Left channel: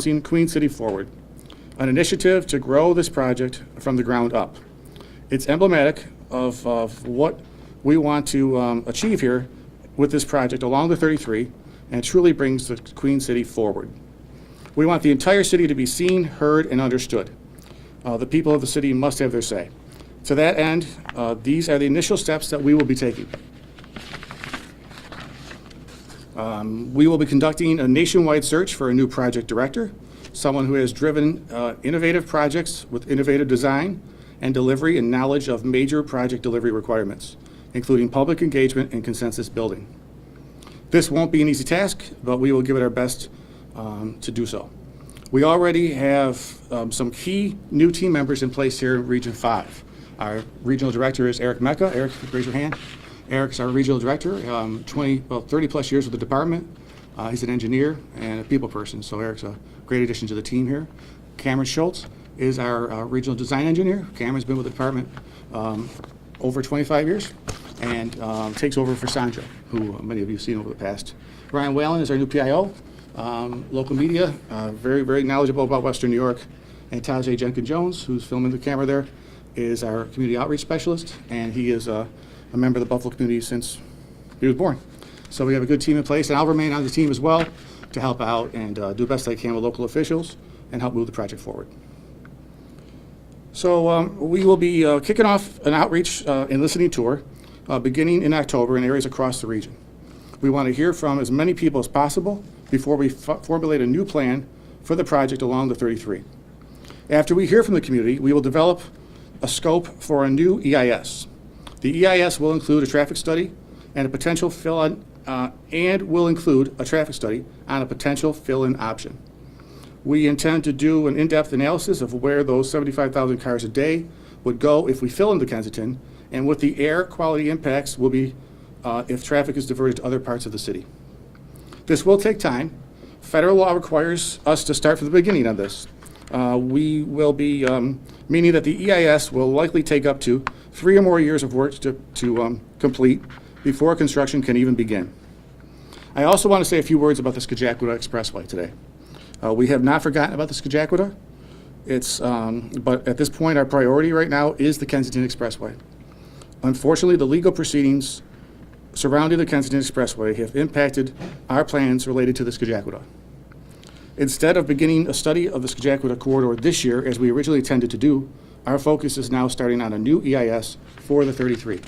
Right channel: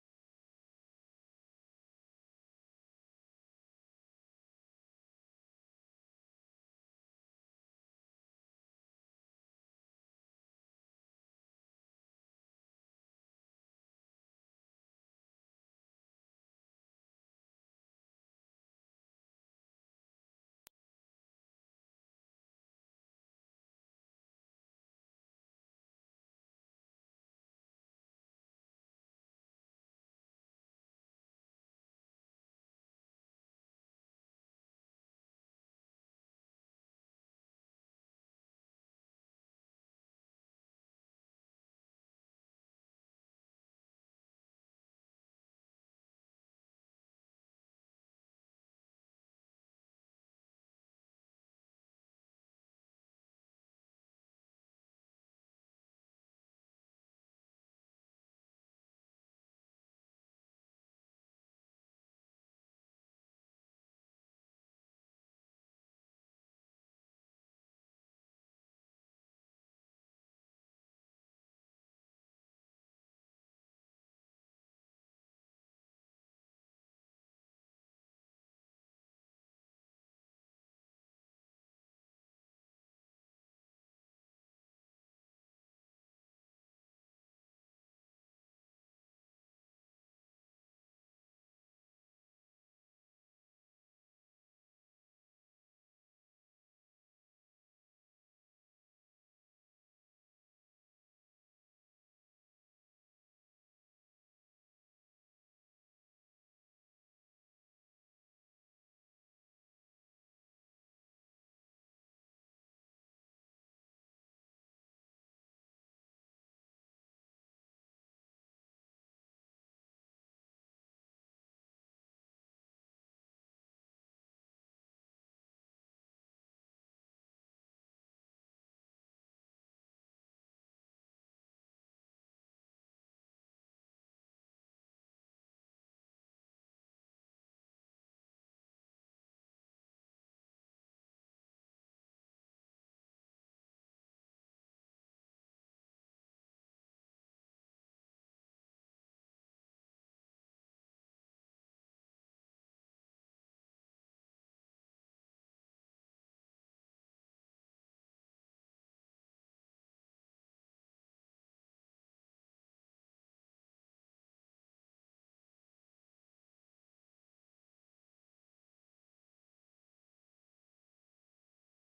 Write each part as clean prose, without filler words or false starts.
Queen City Forward, an initiative to grow this project from the ground up. It's emblematic of what we want to achieve here with this project along the 33, and truly brings the Queen City forward. We want the entire city to be seen, heard, and understood. The people of the city must have their say. To that end, these are the initial steps that we will be taking. We will be conducting a nationwide search for a new project director, someone who has driven innovative projects with innovative design and delivery and knowledge of major project delivery requirements, including public engagement and consensus building. This won't be an easy task, but we will give it our best to do so. We already have some key new team members in place here in Region 5. Our regional director is Eric Mecca. Eric, raise your hand. Eric's our regional director, 30 plus years with the department. He's an engineer and a people person, so Eric's a great addition to the team here. Cameron Schultz is our regional design engineer. Cameron's been with the department over 25 years and takes over for Sandra, who many of you have seen over the past. Ryan Whalen is our new PIO, local media, very, very knowledgeable about Western New York. And Tajay Jenkins-Jones, who's filming the camera there, is our community outreach specialist, and he is a member of the Buffalo community since he was born. So we have a good team in place, and I'll remain on the team as well to help out and do the best I can with local officials and help move the project forward. So we will be kicking off an outreach and listening tour beginning in October in areas across the region. We want to hear from as many people as possible before we formulate a new plan for the project along the 33. After we hear from the community, we will develop a scope for a new EIS. The EIS will include a traffic study and a potential fill-in, fill-in option. We intend to do an in-depth analysis of where those 75,000 cars a day would go if we fill into Kensington, and what the air quality impacts will be if traffic is diverted to other parts of the city. This will take time. Federal law requires us to start from the beginning on this. We will be, meaning that the EIS will likely take up to 3 or more years of work to complete before construction can even begin. I also want to say a few words about the Skagit-Aquita Expressway today. We have not forgotten about the Skagit-Aquita. But at this point, our priority right now is the Kensington Expressway. Unfortunately, the legal proceedings surrounding the Kensington Expressway have impacted our plans related to the Skagit-Aquita. Instead of beginning a study of the Skagit-Aquita corridor this year, as we originally intended to do, our focus is now starting on a new EIS for the 33.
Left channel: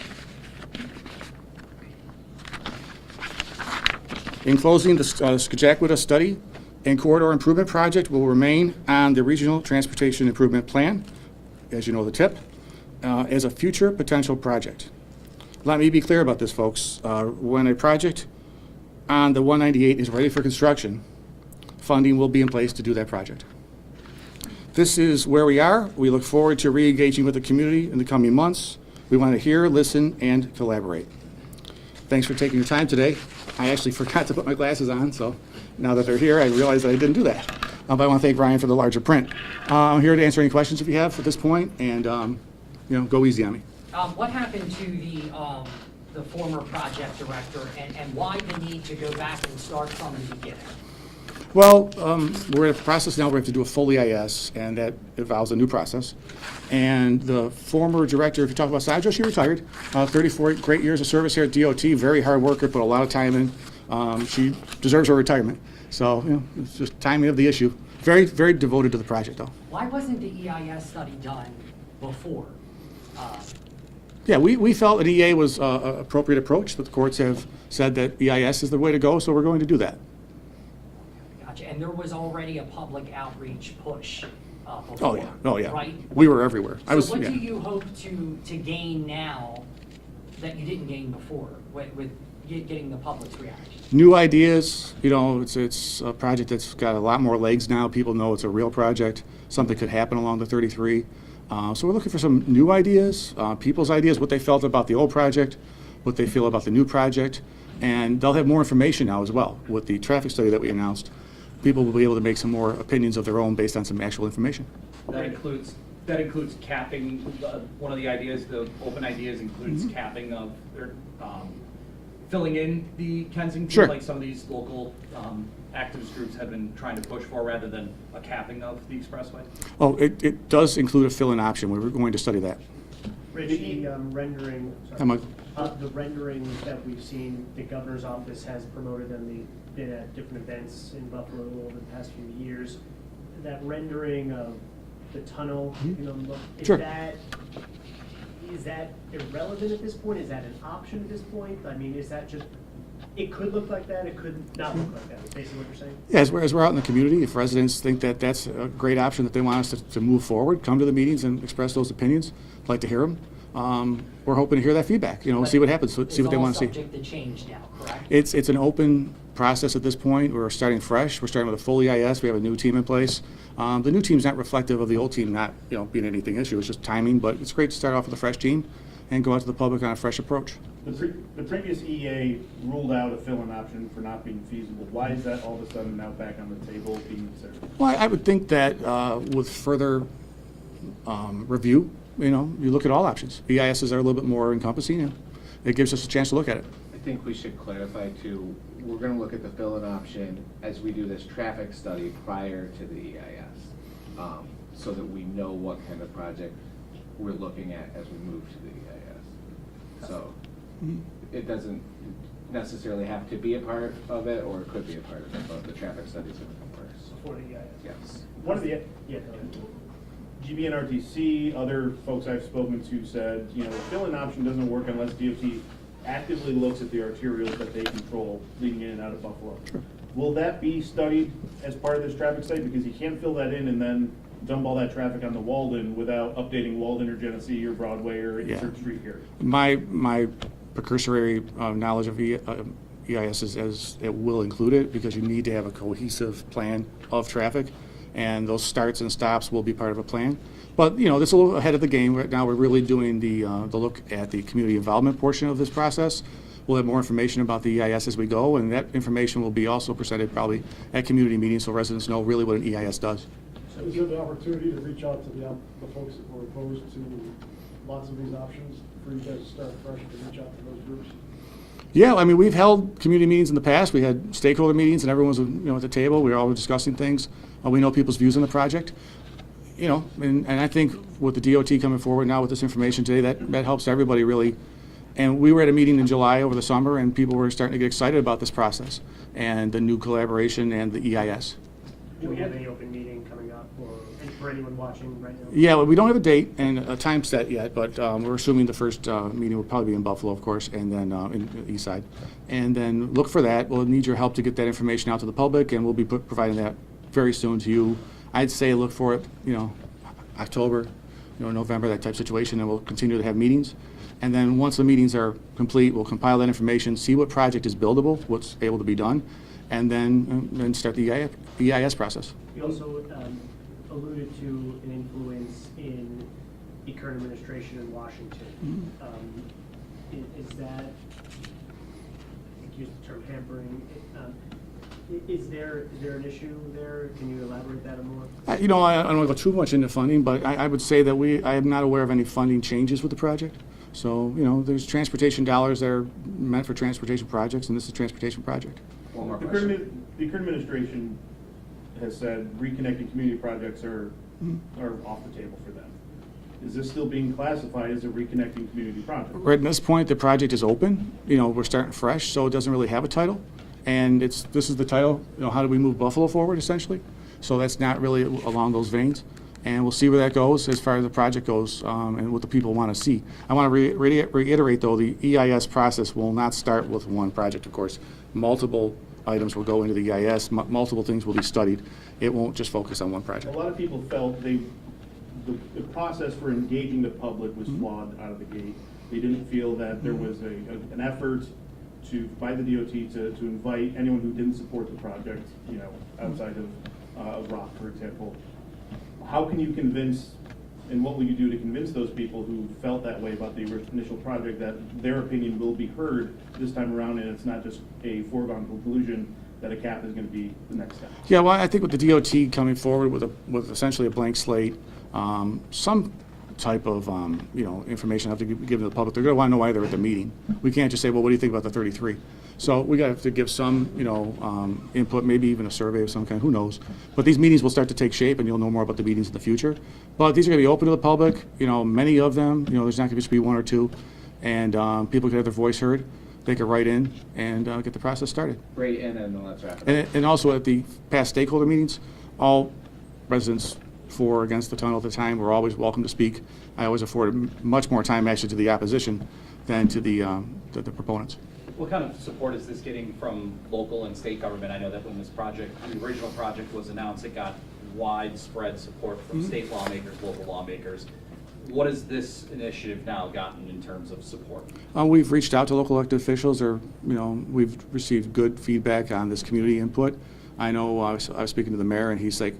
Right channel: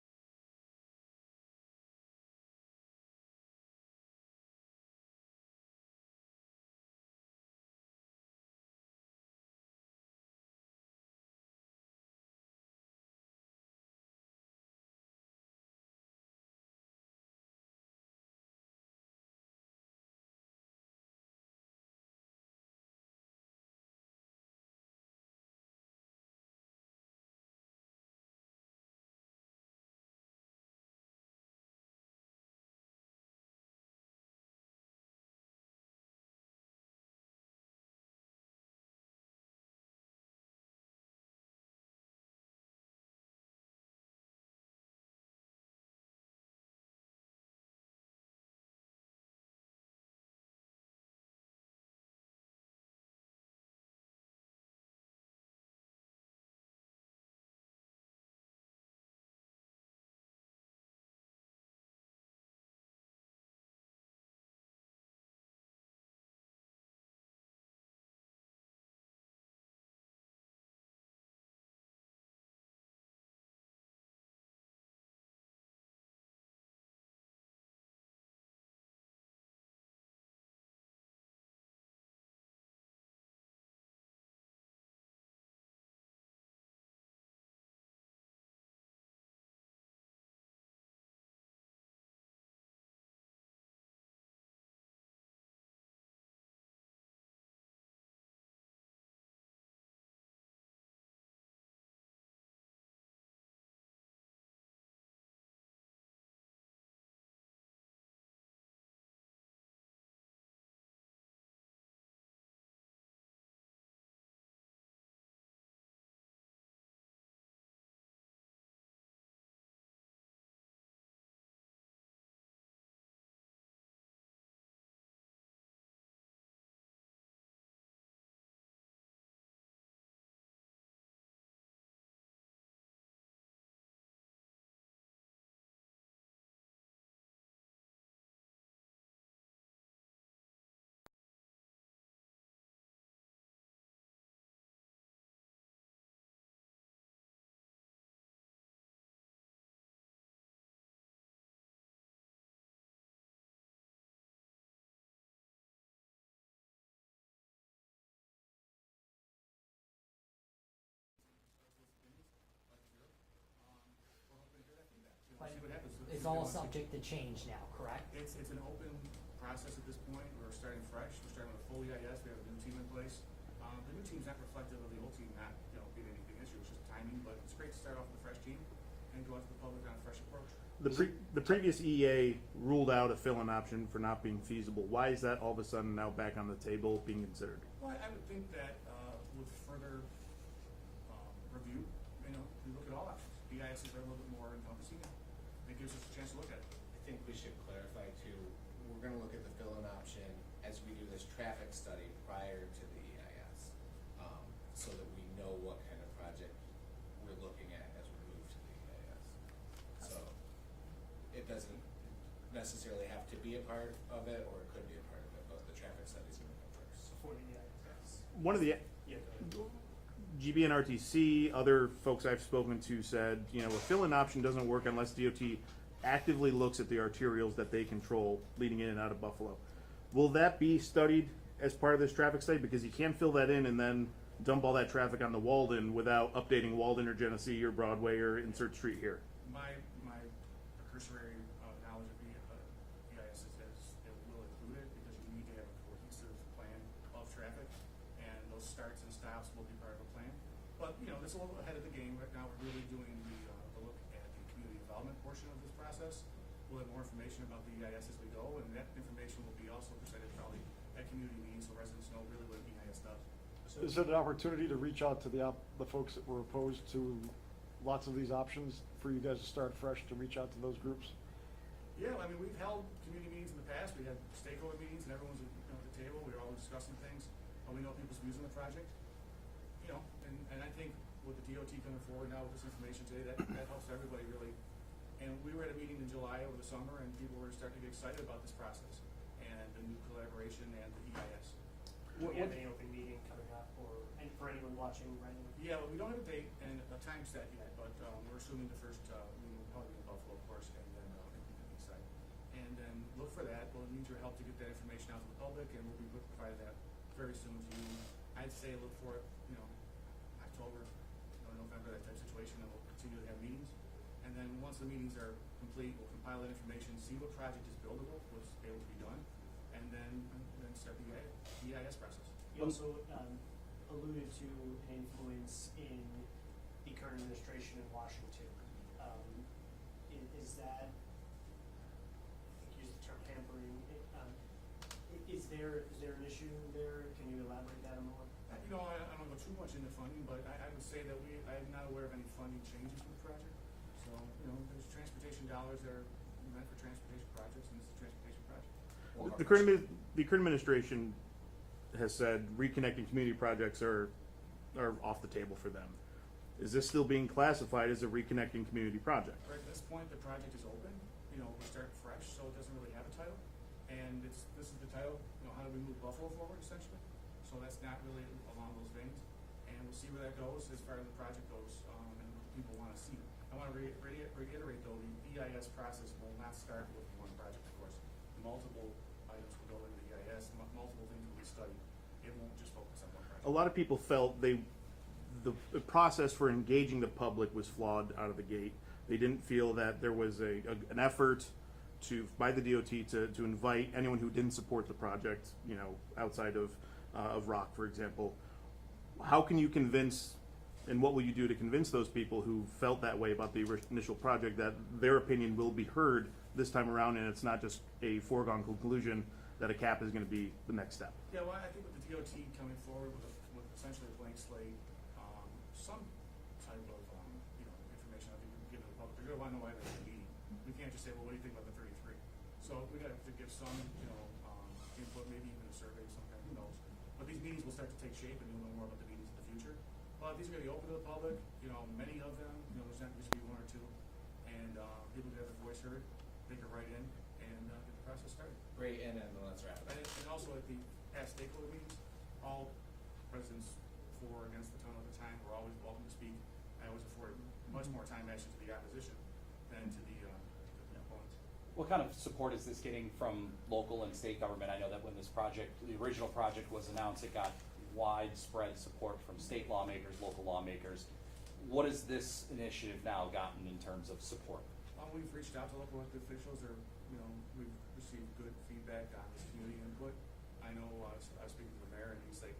In closing, the Skagit-Aquita study and corridor improvement project will remain on the Regional Transportation Improvement Plan, as you know the TIP, as a future potential project. Let me be clear about this, folks. When a project on the 198 is ready for construction, funding will be in place to do that project. This is where we are. We look forward to re-engaging with the community in the coming months. We want to hear, listen, and collaborate. Thanks for taking your time today. I actually forgot to put my glasses on, so now that they're here, I realize that I didn't do that. But I want to thank Ryan for the larger print. I'm here to answer any questions if you have at this point, and go easy on me. What happened to the former project director, and why the need to go back and start from the beginning? Well, we're in a process now where we have to do a full EIS, and that involves a new process. And the former director, if you talk about Sandra, she retired. 34 great years of service here at DOT, very hard worker, put a lot of time in. She deserves her retirement. So, it's just timing of the issue. Very, very devoted to the project, though. Why wasn't the EIS study done before? Yeah, we felt an EA was an appropriate approach, but the courts have said that EIS is the way to go, so we're going to do that. Gotcha. And there was already a public outreach push before, oh yeah, right? We were everywhere. So what do you hope to gain now that you didn't gain before with getting the public's reaction? New ideas. It's a project that's got a lot more legs now. People know it's a real project. Something could happen along the 33. So we're looking for some new ideas, people's ideas, what they felt about the old project, what they feel about the new project, and they'll have more information now as well. With the traffic study that we announced, people will be able to make some more opinions of their own based on some actual information. That includes capping. One of the ideas, the open ideas, includes capping of filling in the Kensington, sure, like some of these local activist groups have been trying to push for rather than a capping of the expressway? Oh, it does include a fill-in option. We were going to study that. Rich, the rendering, Hi, Mike. the renderings that we've seen, the governor's office has promoted them, they've been at different events in Buffalo over the past few years. That rendering of the tunnel, you know, look, Sure. is that irrelevant at this point? Is that an option at this point? I mean, is that just, it could look like that, it could not look like that, is basically what you're saying? Yeah, as we're out in the community, if residents think that that's a great option, that they want us to move forward, come to the meetings and express those opinions, I'd like to hear them. We're hoping to hear that feedback, you know, see what happens, see what they want to see. It's all subject to change now, correct? It's an open process at this point. We're starting fresh. We're starting with a full EIS. We have a new team in place. The new team's not reflective of the old team not, you know, being anything issue. It's just timing, but it's great to start off with a fresh team and go out to the public on a fresh approach. The previous EA ruled out a fill-in option for not being feasible. Why is that all of a sudden now back on the table being considered? Well, I would think that with further review, you know, you look at all options. EISs are a little bit more encompassing, and it gives us a chance to look at it. I think we should clarify too, we're gonna look at the fill-in option as we do this traffic study prior to the EIS, so that we know what kind of project we're looking at as we move to the EIS. So, it doesn't necessarily have to be a part of it, or it could be a part of it, but the traffic study's gonna come first. For the EIS? Yes. One of the Yeah, go ahead. GBNRTC, other folks I've spoken to said, you know, a fill-in option doesn't work unless DOT actively looks at the arterials that they control leading in and out of Buffalo. Will that be studied as part of this traffic study? Because you can't fill that in and then dump all that traffic onto Walden without updating Walden or Genesee or Broadway or Insert Street here. My precursory knowledge of EIS is as it will include it, because you need to have a cohesive plan of traffic, and those starts and stops will be part of a plan. But, you know, this is a little ahead of the game. Right now, we're really doing the look at the community involvement portion of this process. We'll have more information about the EIS as we go, and that information will be also presented probably at community meetings, so residents know really what an EIS does. So is it an opportunity to reach out to the folks that were opposed to lots of these options, for you guys to start fresh to reach out to those groups? Yeah, I mean, we've held community meetings in the past. We had stakeholder meetings, and everyone was, you know, at the table. We were all discussing things. We know people's views on the project. You know, and I think with the DOT coming forward now with this information today, that helps everybody really. And we were at a meeting in July over the summer, and people were starting to get excited about this process and the new collaboration and the EIS. Do we have any open meeting coming up, or for anyone watching right now? Yeah, well, we don't have a date and a time set yet, but we're assuming the first meeting will probably be in Buffalo, of course, and then in the east side. And then look for that. We'll need your help to get that information out to the public, and we'll be providing that very soon to you. I'd say look for it, you know, October, you know, November, that type of situation, and we'll continue to have meetings. And then once the meetings are complete, we'll compile that information, see what project is buildable, what's able to be done, and then start the EIS process. You also alluded to an influence in the current administration in Washington. Is that, I think you used the term hampering, is there an issue there? Can you elaborate that more? You know, I don't want to go too much into funding, but I would say that I am not aware of any funding changes with the project. So, you know, there's transportation dollars that are meant for transportation projects, and this is a transportation project. One more The question. current administration has said reconnecting community projects are off the table for them. Is this still being classified as a reconnecting community project? Right at this point, the project is open. You know, we're starting fresh, so it doesn't really have a title. And this is the title, you know, how do we move Buffalo forward, essentially? So that's not really along those veins. And we'll see where that goes as far as the project goes, and what the people want to see. I want to reiterate, though, the EIS process will not start with one project, of course. Multiple items will go into the EIS, multiple things will be studied. It won't just focus on one A project. lot of people felt the process for engaging the public was flawed out of the gate. They didn't feel that there was an effort by the DOT to invite anyone who didn't support the project, you know, outside of Rock, for example. How can you convince, and what will you do to convince those people who felt that way about the initial project that their opinion will be heard this time around, and it's not just a foregone conclusion that a cap is going to be the next step? Yeah, well, I think with the DOT coming forward with essentially a blank slate, some type of, you know, information have to be given to the public. They're going to want to know why they're at the meeting. We can't just say, well, what do you think about the 33? So we have to give some, input, maybe even a survey of some kind, who knows? But these meetings will start to take shape, and you'll know more about the meetings in the future. But these are gonna be open to the public, many of them, there's not gonna just be one or two, and people can have their voice heard. They can write in and get the process started. Great, and then let's wrap it up. And also at the past stakeholder meetings, all residents for or against the tunnel at the time were always welcome to speak. I always afforded much more time actually to the opposition than to the proponents. What kind of support is this getting from local and state government? I know that when this project, the original project was announced, it got widespread support from state lawmakers, local lawmakers. What has this initiative now gotten in terms of support? We've reached out to local elected officials, or, we've received good feedback on this community input. I know I was speaking to the mayor, and he's like,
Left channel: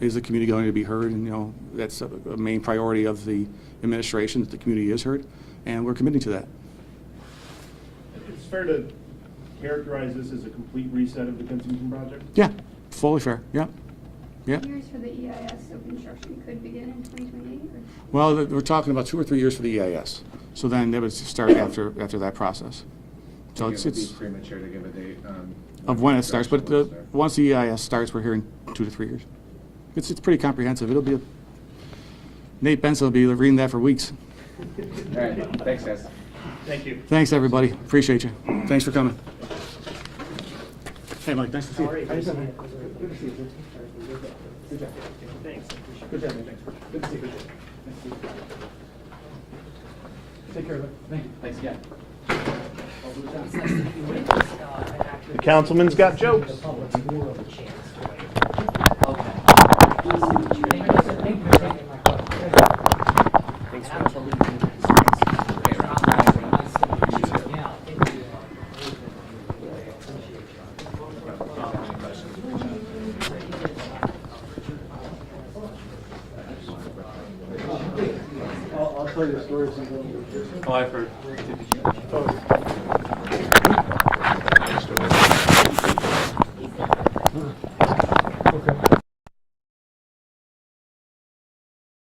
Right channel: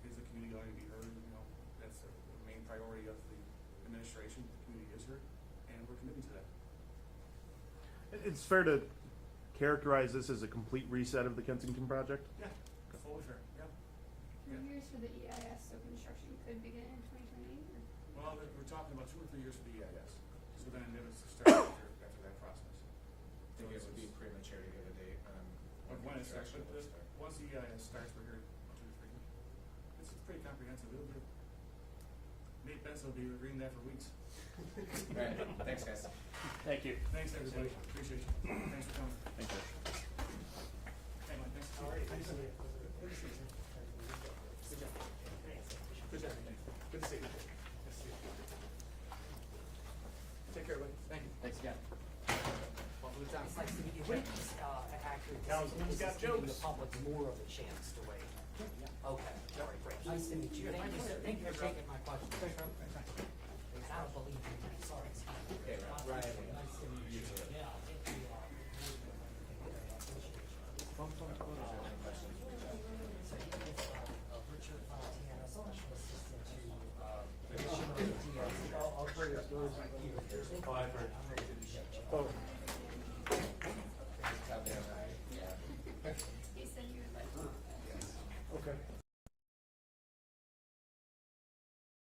is the community going to be heard? And, that's a main priority of the administration, that the community is heard, and we're committing to that. It's fair to characterize this as a complete reset of the Kensington project? Yeah, fully fair, yeah. Yeah. Years for the EIS, so construction could begin in 2028, or? Well, we're talking about 2 or 3 years for the EIS. So then they would start after that process. So I think it's it would be premature to give a date on. of when it starts, but construction will start. once the EIS starts, we're hearing 2 to 3 years. It's pretty comprehensive. It'll be Nate Benson will be reading that for weeks. All right, thanks, guys. Thank you. Thanks, everybody. Appreciate you. Thanks for coming. Hey, Mike, nice to see you. Good to see you, sir. Good job. Thanks, I appreciate it. Good job, thanks. Good to see you. Nice to see you. Take care of it. Thank you. Thanks again. It's nice to meet you. And actually- The councilman's got jokes. The public's more of a chance to weigh in. Okay. Nice to meet you. Thank you for taking my question. Thanks for believing in this. Okay, Rob. Nice to meet you. Yeah, thank you. I'll tell you a story sometime. Oh, I've heard.